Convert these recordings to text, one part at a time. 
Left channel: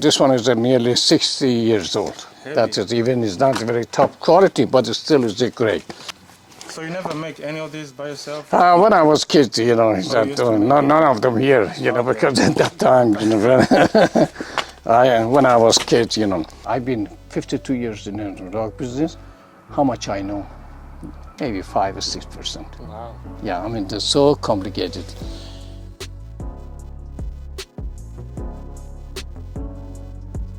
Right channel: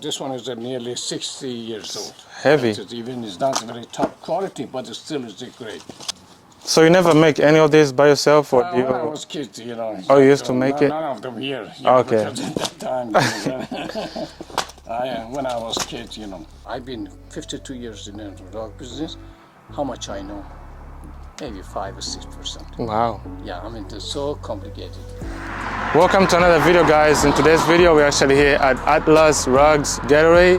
This one is nearly 60 years old. Heavy. That is, even it's not very top quality, but it still is great. So you never make any of this by yourself? Or When I was kid, you know, you used to make it? none of them here, you know, because at that time, you know, when I was kid, you know, I've been 52 years in the rock business. How much I know? Maybe 5 or 6%. Wow. Yeah, I mean, they're so complicated. Welcome to another video, guys. In today's video, we're actually here at Atlas Rugs Getaway.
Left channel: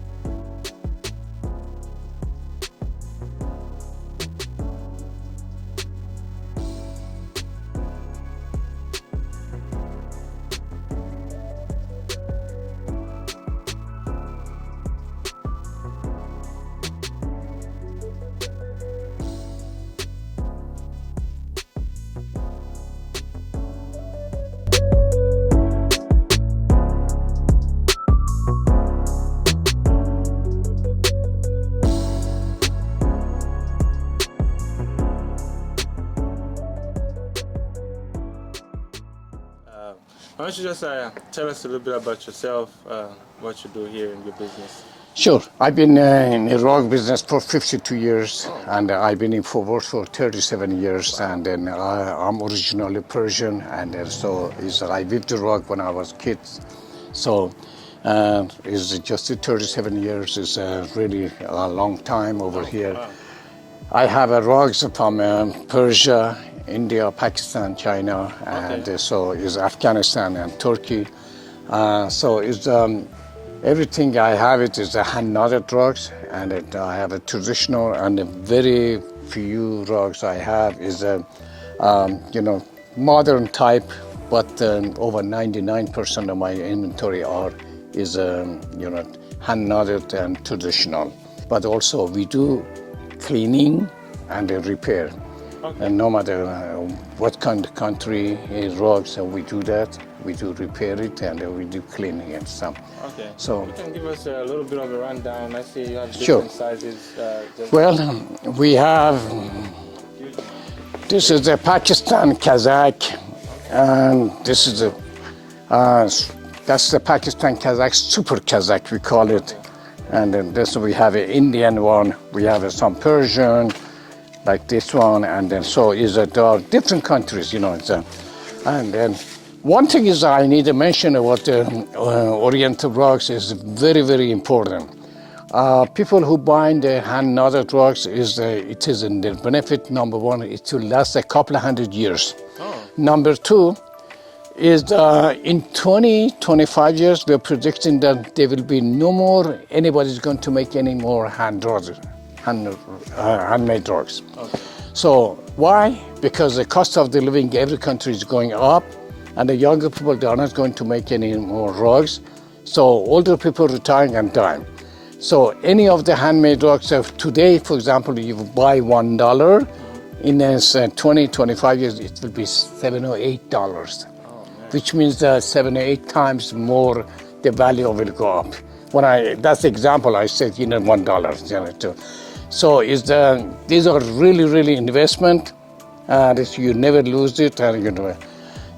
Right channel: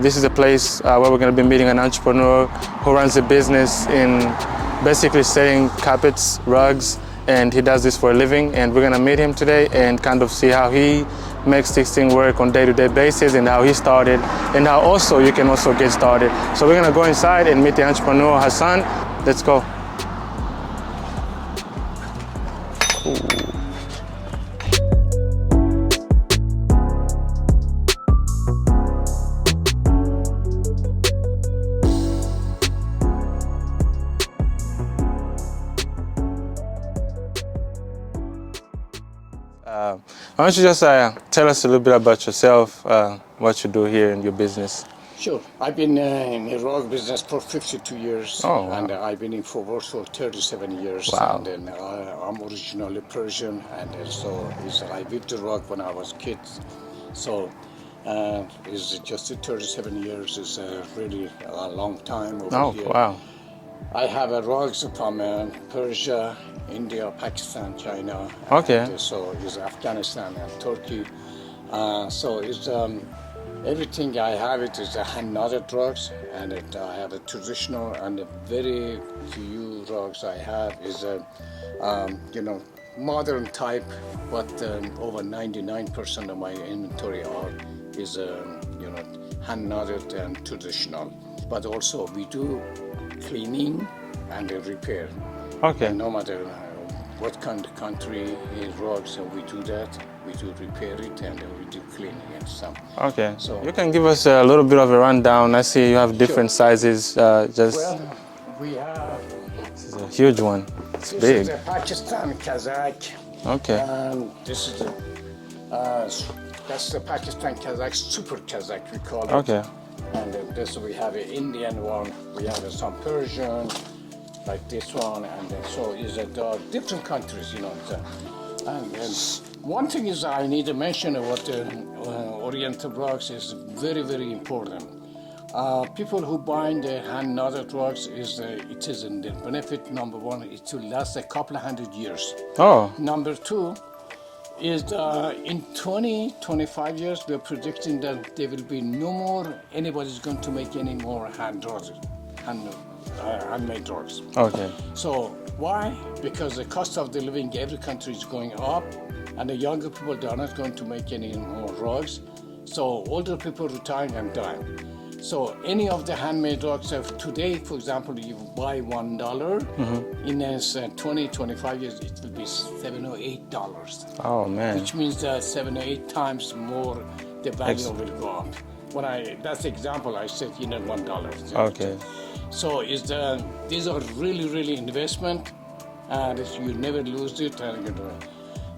This is a place where we're going to be meeting an entrepreneur who runs a business in basically selling carpets, rugs, and he does this for a living. And we're going to meet him today and kind of see how he makes this thing work on day-to-day basis and how he started and how also you can also get started. So we're going to go inside and meet the entrepreneur, Hassan. Let's go. Why don't you just tell us a little bit about yourself, what you do here in your business? Sure. I've been in the rug business for 52 years, and I've been in work for 37 years. Wow. And then I'm originally Persian, and so I built the rug when I was a kid. So it's just 37 years is really a long time over here. Wow. I have rugs from Persia, India, Pakistan, China, and so is Afghanistan and Turkey. So is everything I have it is hand-knotted rugs, and I have a traditional and a very few rugs I have is you know, modern type, but over 99% of my inventory is you know, hand-knotted and traditional. But also we do cleaning and repair. Okay. And no matter what kind of country rugs, we do that. We do repair it and we do cleaning it. So. Okay. So you can give us a little bit of a rundown. I see you have different sizes. Well, we have a huge one. This is a Pakistan Kazakh. Okay. And this is that's the Pakistan Kazakh Super Kazakh we call it. Okay. And then this we have an Indian one. We have some Persian, like this one, and then so there are different countries, you know. And then one thing is I need to mention about the Oriental rugs is very, very important. People who buy the hand-knotted rugs it is in their benefit. Number one, it will last a couple of 100 years. Oh. Number two is in 20-25 years we're predicting that there will be no more anybody's going to make any more handmade rugs. Okay. So why? Because the cost of the living every country is going up, and the younger people, they are not going to make any more rugs. So older people retiring and dying. So any of the handmade rugs of today, for example, you buy $1, in 20-25 years, it will be $7 or $8. Oh man! Which means that 7 or 8 times more the value will go up. That's the example I said, you know, $1. You know, okay. So these are really investment, and you never lose it, and you know,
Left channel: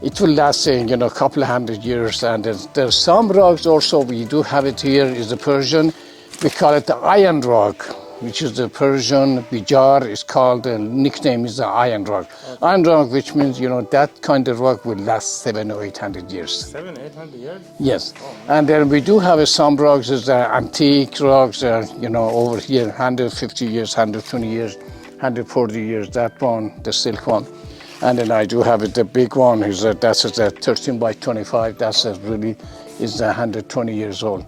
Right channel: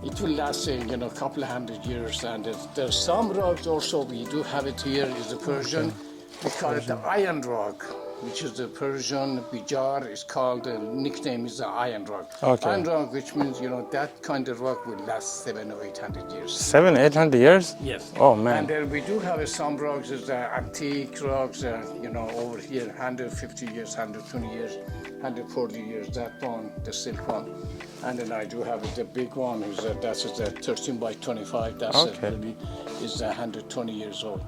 it will last you know, a couple of 100 years. And there's some rugs also we do have it here is the Persian. We call it the iron rug, which is the Persian bijar. It's called, the nickname is the iron rug. Okay. Iron rug, which means, you know, that kind of rug will last 700 or 800 years. 700, 800 years? Yes. Oh, man. And then we do have some rugs, antique rugs, you know, over here, 150 years, 120 years, 140 years, that one, the silk one. And then I do have the big one, that's a 13 by 25, that's really is 120 years old.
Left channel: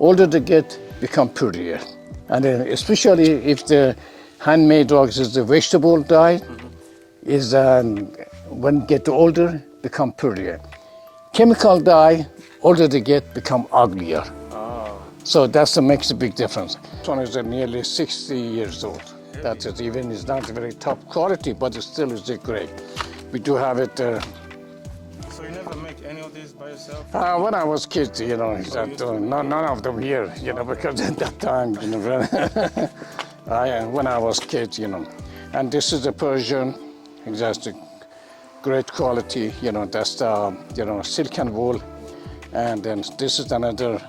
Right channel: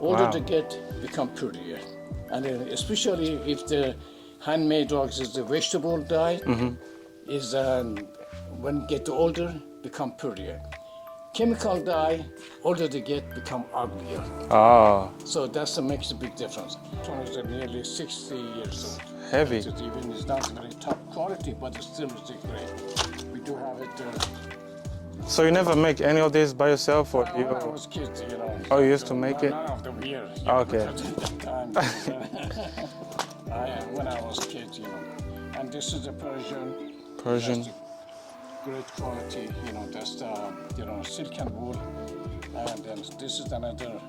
Older they get, become prettier. And then especially if the handmade rugs is the vegetable dye, is when get older, become prettier. Chemical dye, older they get, become uglier. So makes a big difference. This one is nearly 60 years old. Heavy. That's it. Even it's not very top quality, but it still is great. We do have it. So you never make any of these by yourself? Or when I was kid, you know, you used to make none of them here, you know, because at that time, you know, when I was kid, you know. And this is the Persian. That's the great quality, you know, that's the, you know, silk and wool. And then this is another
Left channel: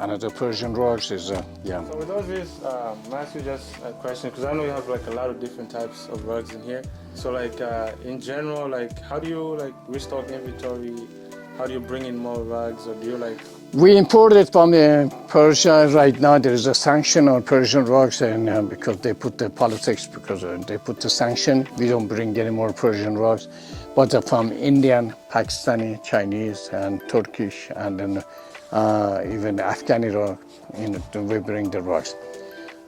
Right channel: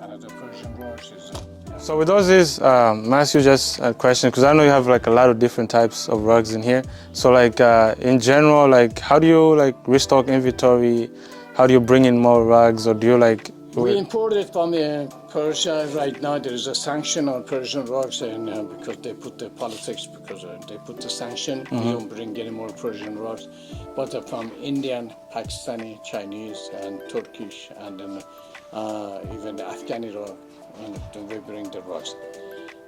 another Persian rugs is yeah. So with those is, may I ask you just a question, because I know you have like a lot of different types of rugs in here. So like in general, like how do you like restock inventory? How do you bring in more rugs, or do you like? We imported from Persia. Right now there is a sanction on Persian rugs, and because they put the politics, because they put the sanction, we don't bring any more Persian rugs. But from Indian, Pakistani, Chinese, and Turkish, and then even Afghani rug, we bring the rugs.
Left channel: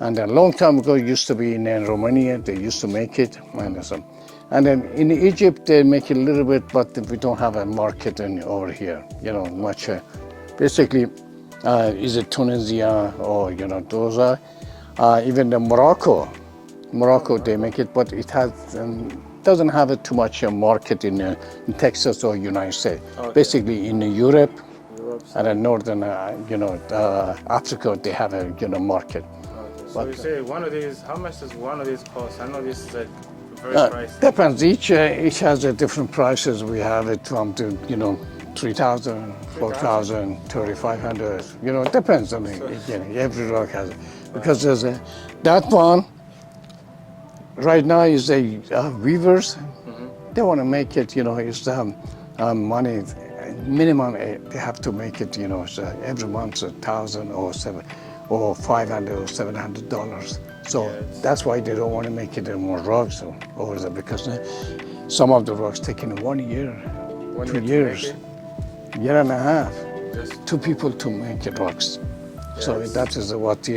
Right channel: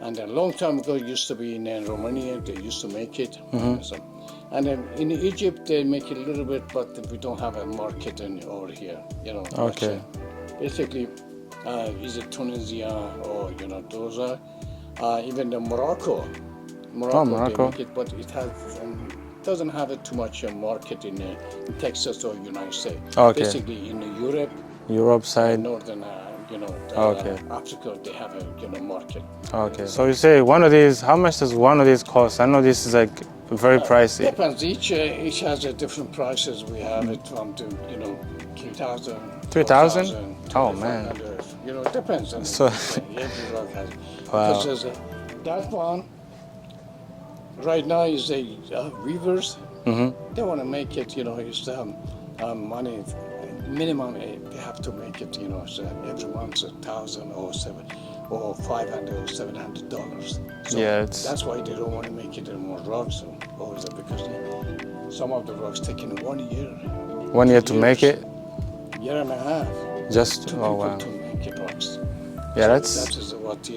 And a long time ago, it used to be in Romania. They used to make it. And then in Egypt, they make it a little bit, but we don't have a market over here. Much. Basically, is it Tunisia or those are even the Morocco. They make it, but it has doesn't have too much market in Texas or United States. Basically, in Europe side, northern Africa, they have a market. So you say one of these. How much does one of these cost? I know this is like very pricey. Depends. Each has a different prices. We have it from 3,000, 4,000, 2,500. It depends on every rug has it. Because there's that one right now is a weavers. They want to make it. It's money minimum. They have to make it. So every month $1,000 or $500 or $700. So that's why they don't want to make it more rugs over there, because some of the rugs taking 1 year. 1 year to make it? Year and a half. Just two people to make it rugs. Yeah, so that is what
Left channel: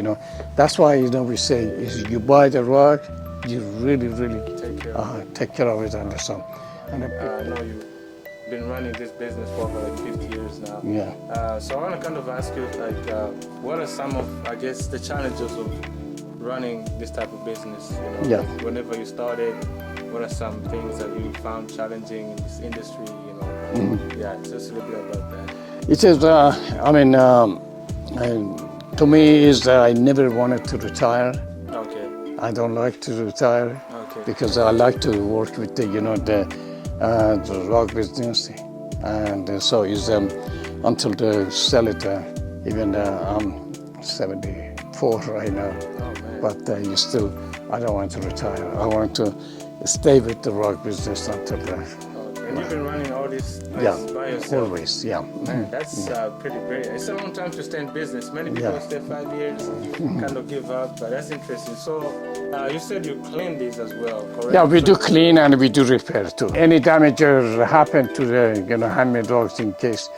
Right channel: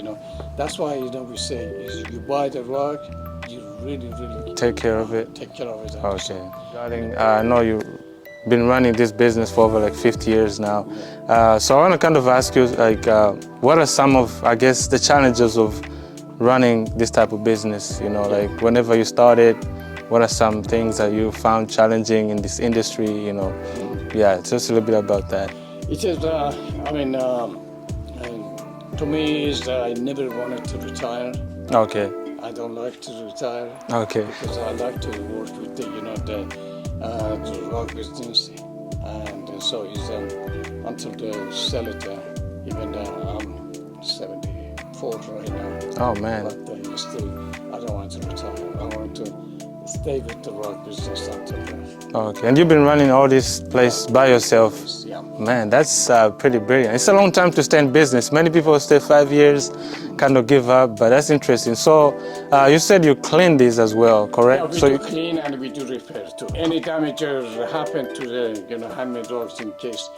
That's why we say is you buy the rug, you really take care of it. Take care of it. I know you've been running this business for over like 50 years now. So I want to kind of ask you, like, what are some of, I guess, the challenges of running this type of business? Like whenever you started, what are some things that you found challenging in this industry? Yeah, just a little bit about that. It is. To me, is I never wanted to retire. I don't like to retire. Because I like to work with the rug business, and so is until they sell it. Even I'm 74 right now. Oh man! But I don't want to retire. I want to stay with the rug business until then. And you've been running all this place by yourself? Always, Man, that's pretty brilliant. It's a long time to stay in business. Many people stay 5 years, kind of give up, but that's interesting. So you said you clean these as well, correct? Yeah, we do clean and we do repair too. Any damage happen to the handmade rugs, in case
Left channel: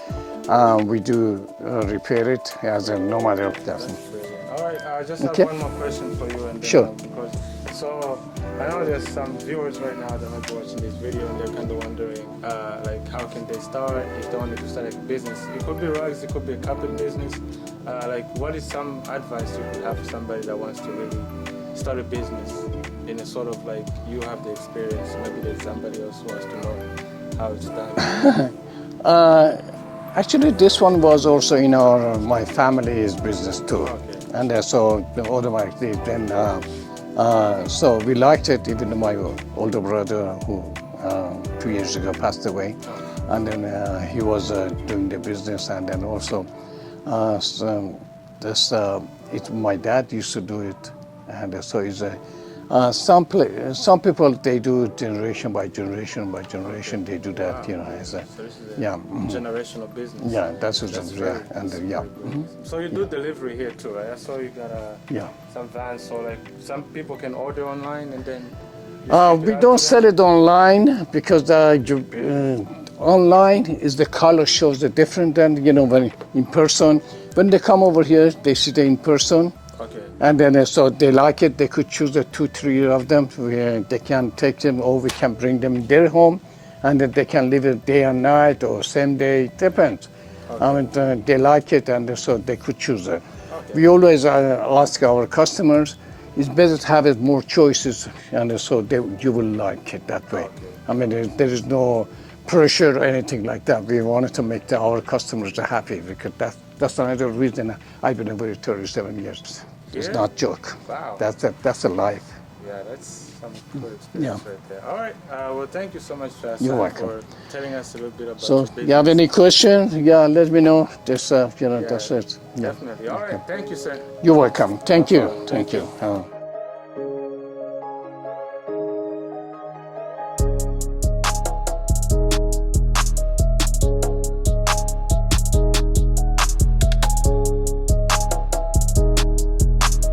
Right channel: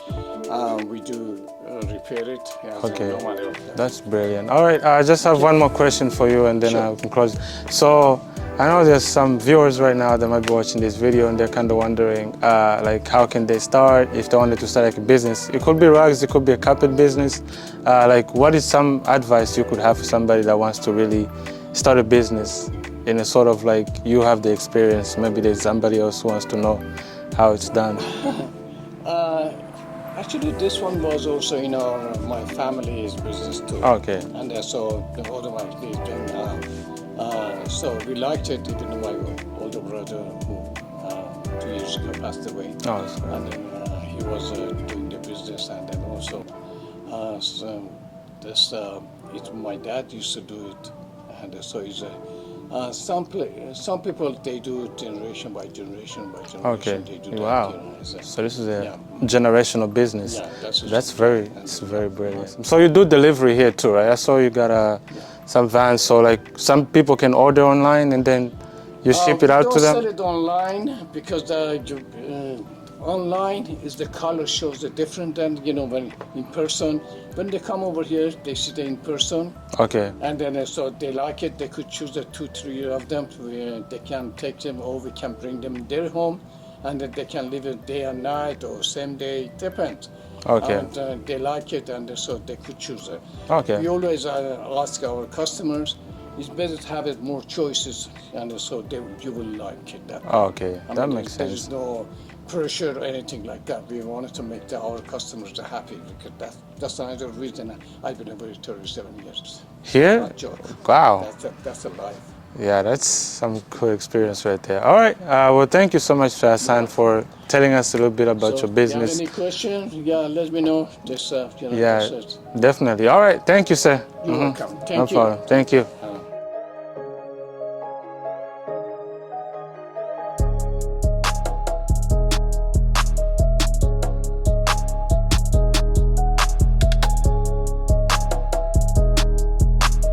we do repair it as no matter. That's brilliant. All right, I just have one more question for you, and then I can close. So I know there's some viewers right now that might be watching this video and they're kind of wondering, like, how can they start if they wanted to start like a business? It could be rugs, it could be a carpet business. Like, what is some advice you could have for somebody that wants to really start a business in a sort of like, you have the experience, maybe there's somebody else who wants to know how it's done? Actually, this one was also in my family's business too. And so the older my then. So we liked it. Even my older brother, who 2 years ago passed away, and then he was doing the business, and then also my dad used to do it, and so it's some people they do generation by generation they do that. So this is a generational business. Yeah, that's very brilliant. So you do delivery here too, right? I saw you got some vans, so like some people can order online and then you ship it out to them? We don't sell it online because online is the color shows the different than when in person. When they come over here, they see it in person. And then so they like it. They could choose the 2-3 of them. They can take them, or we can bring them in their home, and then they can live it day and night or same day. Depends. And they like it, and so they could choose it. We always ask our customers, it's better to have more choices, and so you will like it that way. I mean, there is no pressure or anything like that. We wanted to make our customers happy, because that's another reason I've been over 37 years. Here? It's not a joke. Wow. That's a life. Yeah, that's some cool experience right there. All right. Well, thank you so much, Hassan, for telling us a little bit about your business. If you have any questions, let me know. Just, yeah, that's it. definitely. All right. Thank you, sir. You're welcome. Thank you. Thank you. you.